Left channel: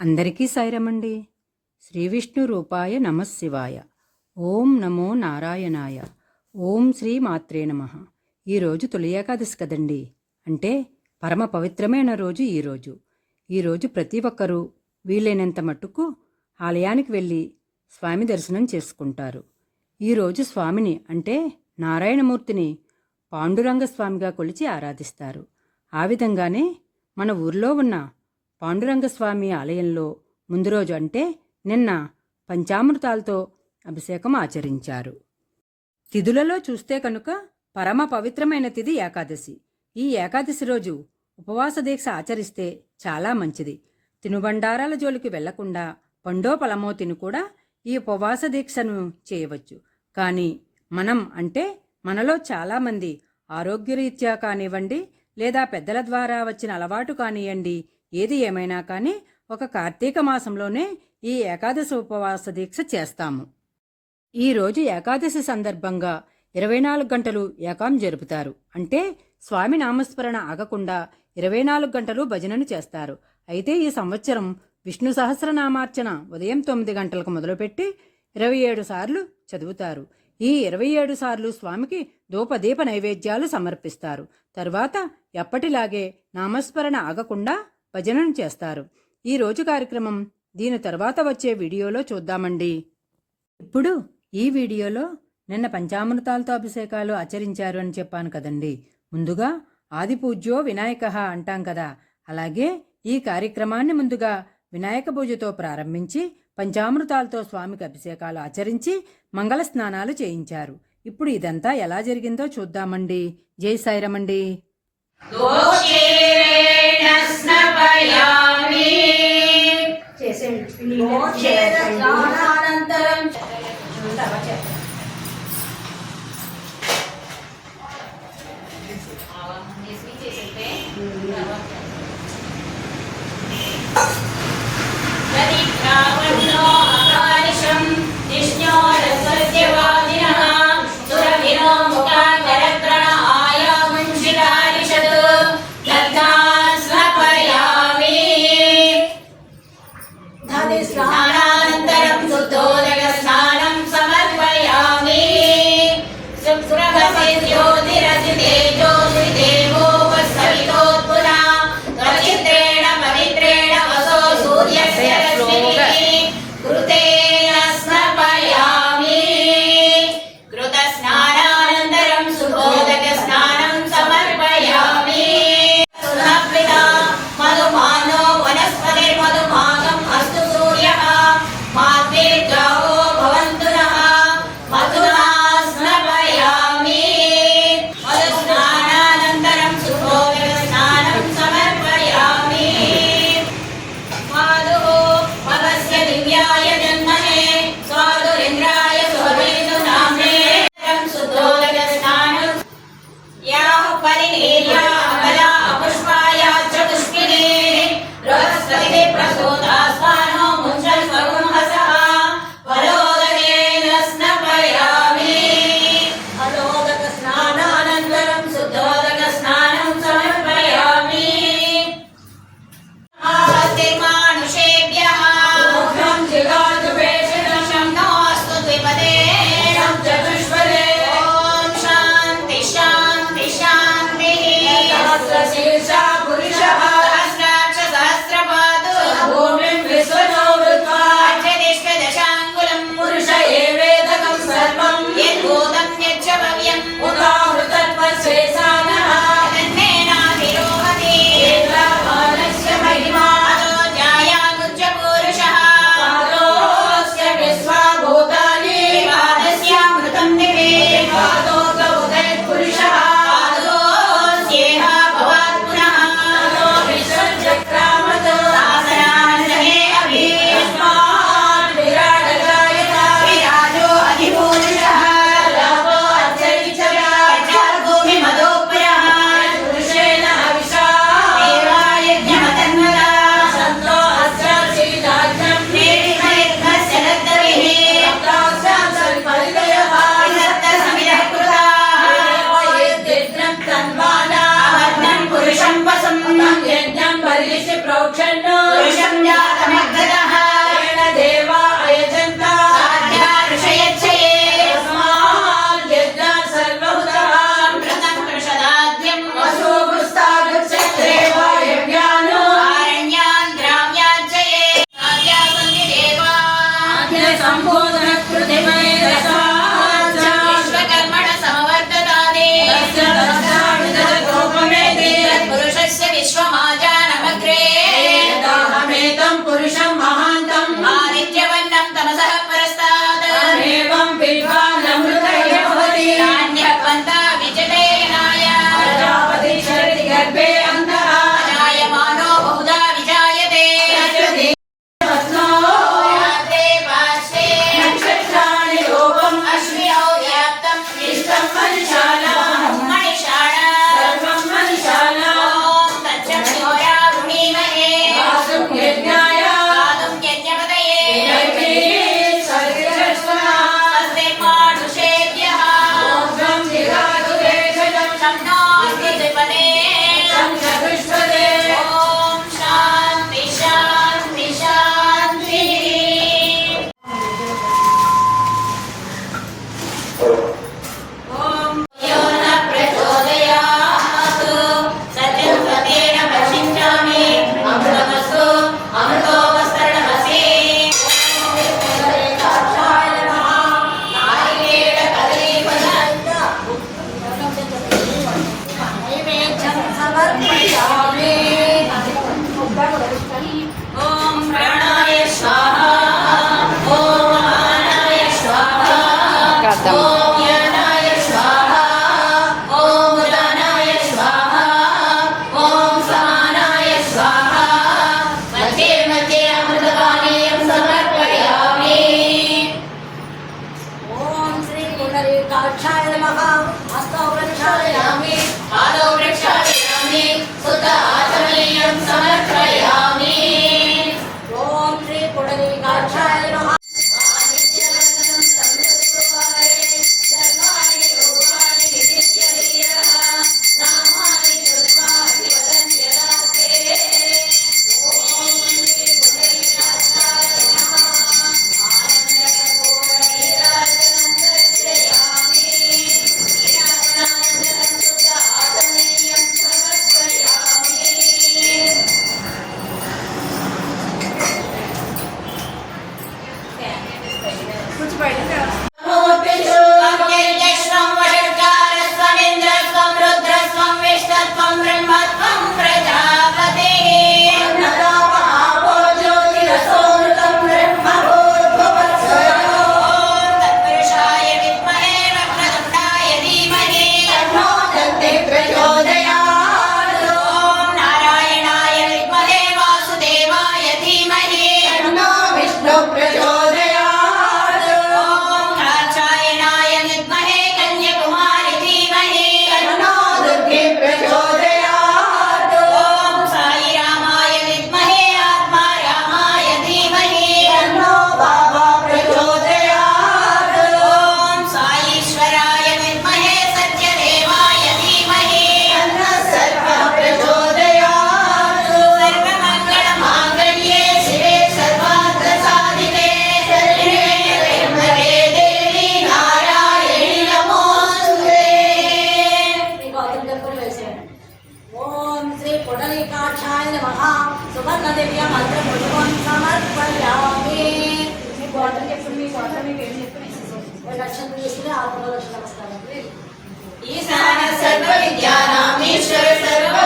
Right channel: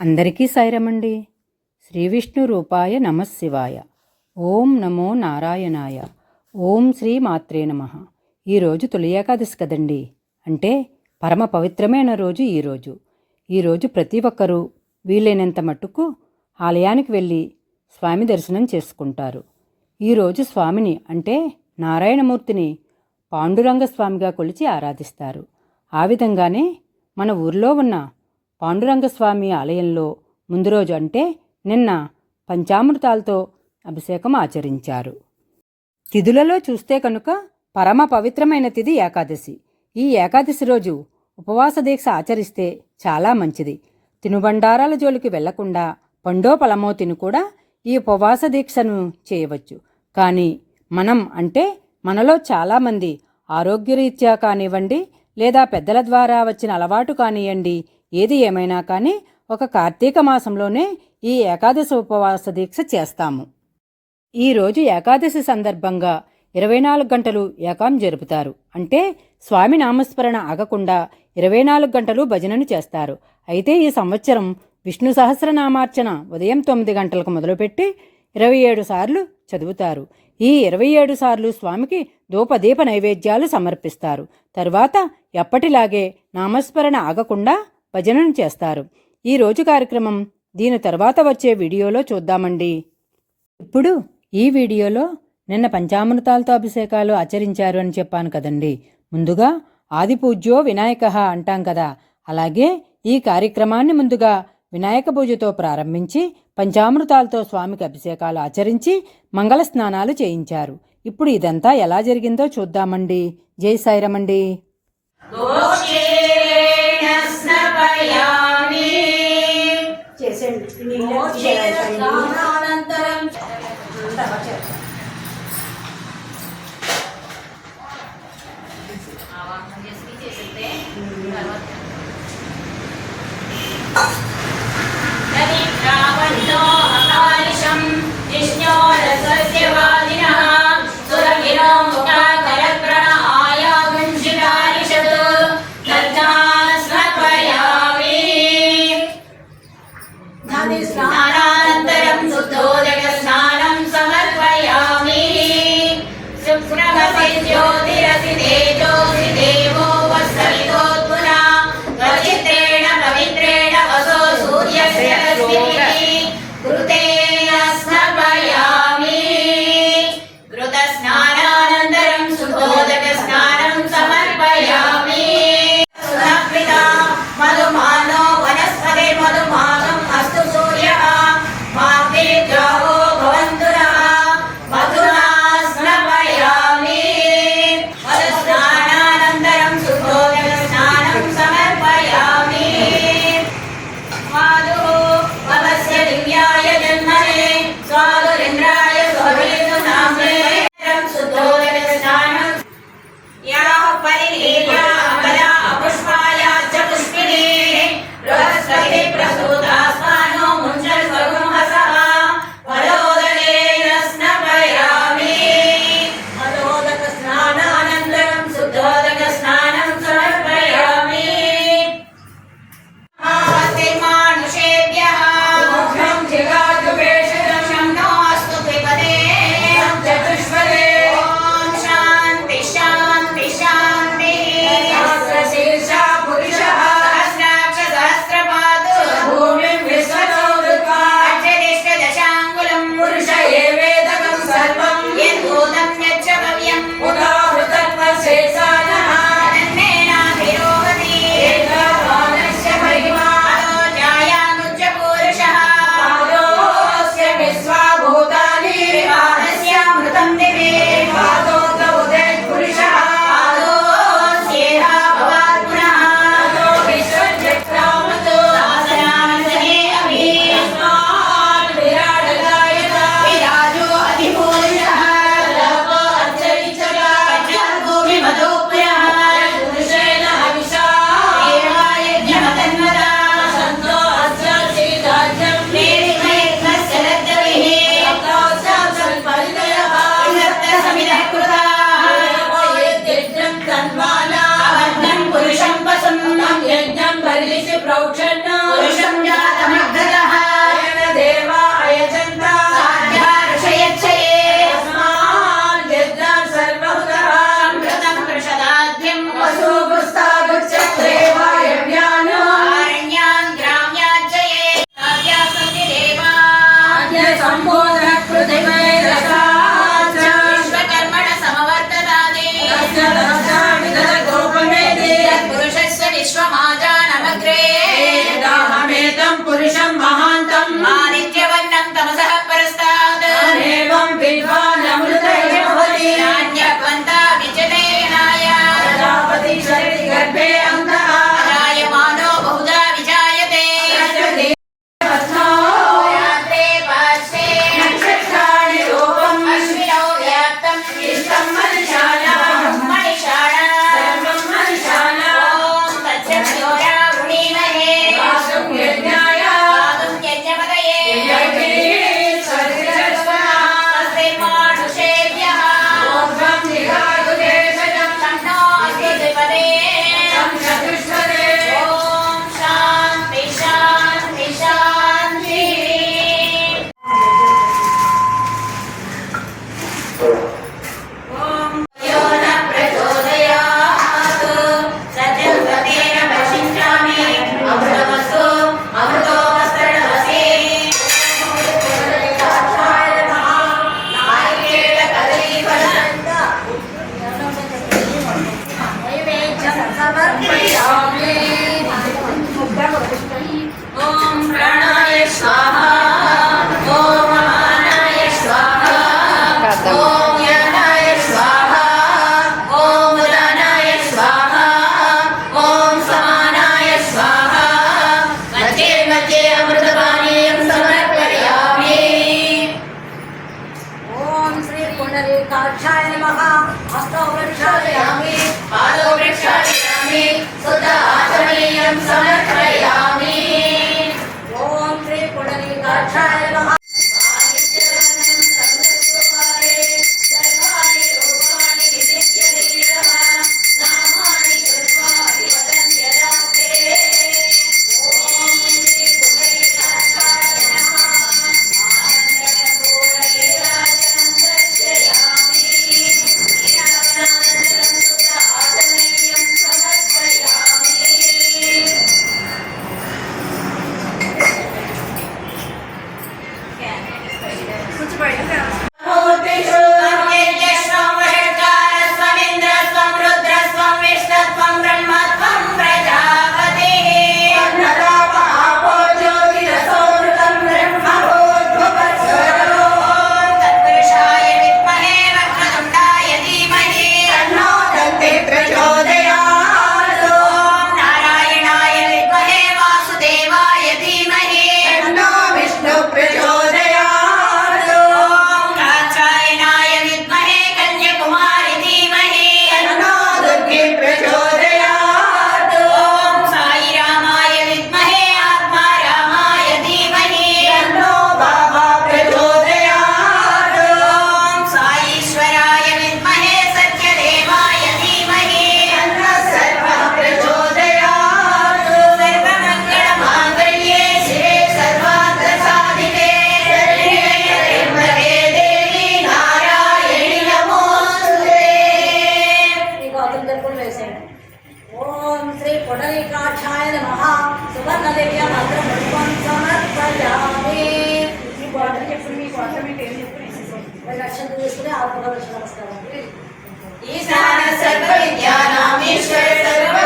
అందరికీ సైరమండి శ్రీ విష్ణు రూపాయ నమశివాయ. ఓం నమో నారాయణాయ. ఓం శ్రీ మాత్రే నమ. ఈరోజు తొలి ఏకాదశి కదండి. అంటే పరమ పవిత్రమైన రోజు ఈరోజు ఈరోజు ప్రతి ఒక్కరూ వీలైనంత మట్టుకు ఆలయానికి వెళ్ళి స్వామి దర్శనం చేసుకుంటారు. ఈరోజు స్వామిని అంటే నారాయణమూర్తిని పాండురంగ స్వామిగా కొలిచి ఆరాధిస్తారు. ఆ విధంగానే మన ఊర్లో ఉన్న పాండురంగస్వామి ఆలయంలో ముందు రోజు అంటే నిన్న పంచామృతాలతో అభిషేకం ఆచరించారు. తిథులలో చూస్తే కనుక పరమ పవిత్రమైన తిథి ఏకాదశి. ఈ ఏకాదశి రోజు ఉపవాస దీక్ష ఆచరిస్తే చాలా మంచిది. తినుబండారాల జోలికి వెళ్ళకుండా పండో పలమో తిను కూడా ఈ ఉపవాస దీక్షను చేయవచ్చు. కానీ మనం అంటే మనలో చాలామంది ఆరోగ్యరీత్యా కానివ్వండి లేదా పెద్దల ద్వారా వచ్చిన అలవాటు కానివ్వండి ఏది ఏమైనా కానీ ఒక కార్తీక మాసంలోనే ఈ ఏకాదశి ఉపవాస దీక్ష చేస్తాము. ఈరోజు ఏకాదశి సందర్భంగా ఇరవై నాలుగు గంటలు ఏకాం జరుపుతారు. అంటే స్వామి నామస్మరణ ఆగకుండా ఇరవై నాలుగు గంటలు భజనను చేస్తారు. అయితే ఈ సంవత్సరం విష్ణు సహస్రనామార్చన ఉదయం తొమ్మిది గంటలకు మొదలుపెట్టి ఇరవై ఏడు సార్లు చదువుతారు. ఈ ఇరవై ఏడు సార్లు స్వామికి ధూపదీప నైవేద్యాలు సమర్పిస్తారు. తరువాత ఎప్పటిలాగే నామస్మరణ ఆగకుండా భజనను చేస్తారు. ఈ రోజు కార్యక్రమం దీని తర్వాత వచ్చే వీడియోలో చూద్దామండి. ఇప్పుడు ఈ వీడియోలో నిన్న పంచామృతాలతో అభిషేకాలు ఆచరించారు అని చెప్పాను కదండి. ముందుగా ఆది పూజ్యో వినాయక అంటాం కదా. అలాగే ఈ కార్యక్రమాన్ని ముందుగా వినాయక పూజతో ప్రారంభించి పంచామృతాలతో స్వామికి అభిషేకాలు ఆచరించి మంగళ స్నానాలు చేయించారు. ఇప్పుడు ఇదంతా ఎలా జరిగిందో చూద్దామండి. జై సాయిరమండి. ఆవాహన చేసి చేసేస్తే proud for सुवर्णरेखाक्षाय नमः सुवर्णदेव्या भद्रपुष्पं समर्पयामि మీ క్వార్టర్ చెప్పండి మీ క్వార్టర్ మీ పేరు చెప్పండి లక్షలు చేసుకుని ఆ పదవ లక్షలు నమస్కారం ఈశాన సర్వ విద్యానామేశ్వర సర్వ